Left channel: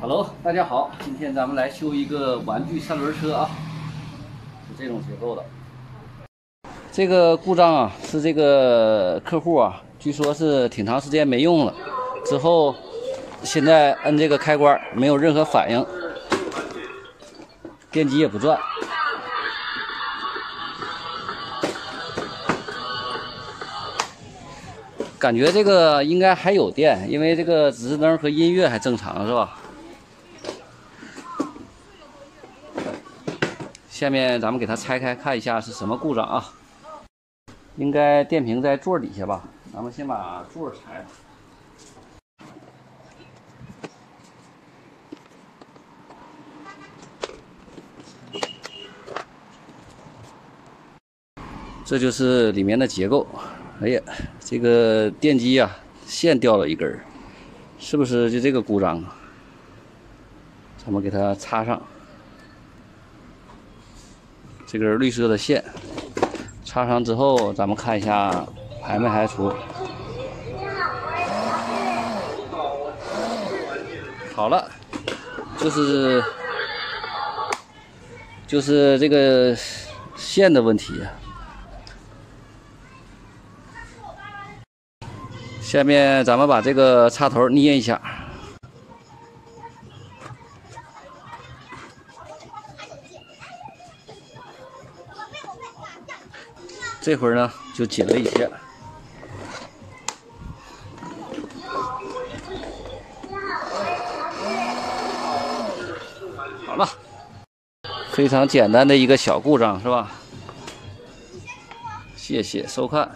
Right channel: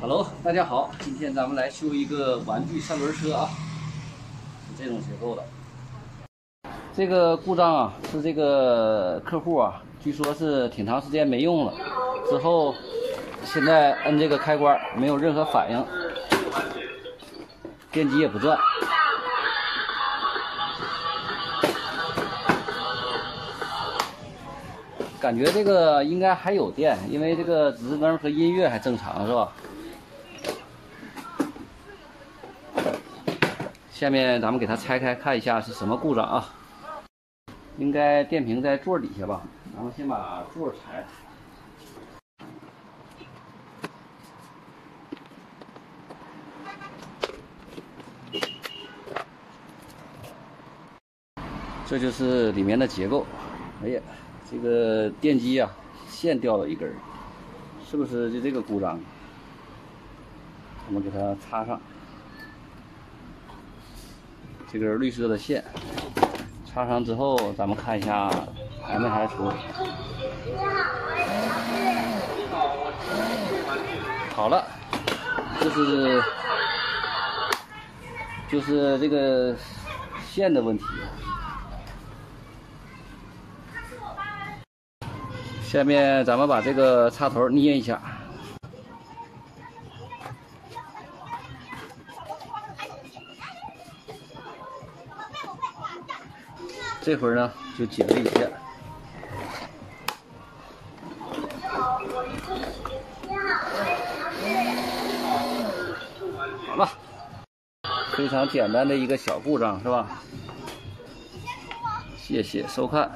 Hello， 大家好，今天咱们来修一个玩具三轮车啊，是这种结构的。这个故障啊，是这个客户啊，据说是挺长时间没用了，之后现在摁这个开关没有任何反应，电机也不转。感觉这个应该还有电，因为这个指示灯和音乐还正常，是吧？下面咱们给它拆开看一下是什么故障啊？应该电瓶在座底下吧？咱们先把座拆了。这就是里面的结构。哎呀，这个电机啊，线掉了一根，是不是就这个故障啊？咱们给它插上。这根绿色的线插上之后，咱们看一下排没排除。好了，就是这个线的问题。下面咱们把这个插头捏一下。这会儿呢就紧了一些。好了，非常简单的一个小故障，是吧？谢谢收看。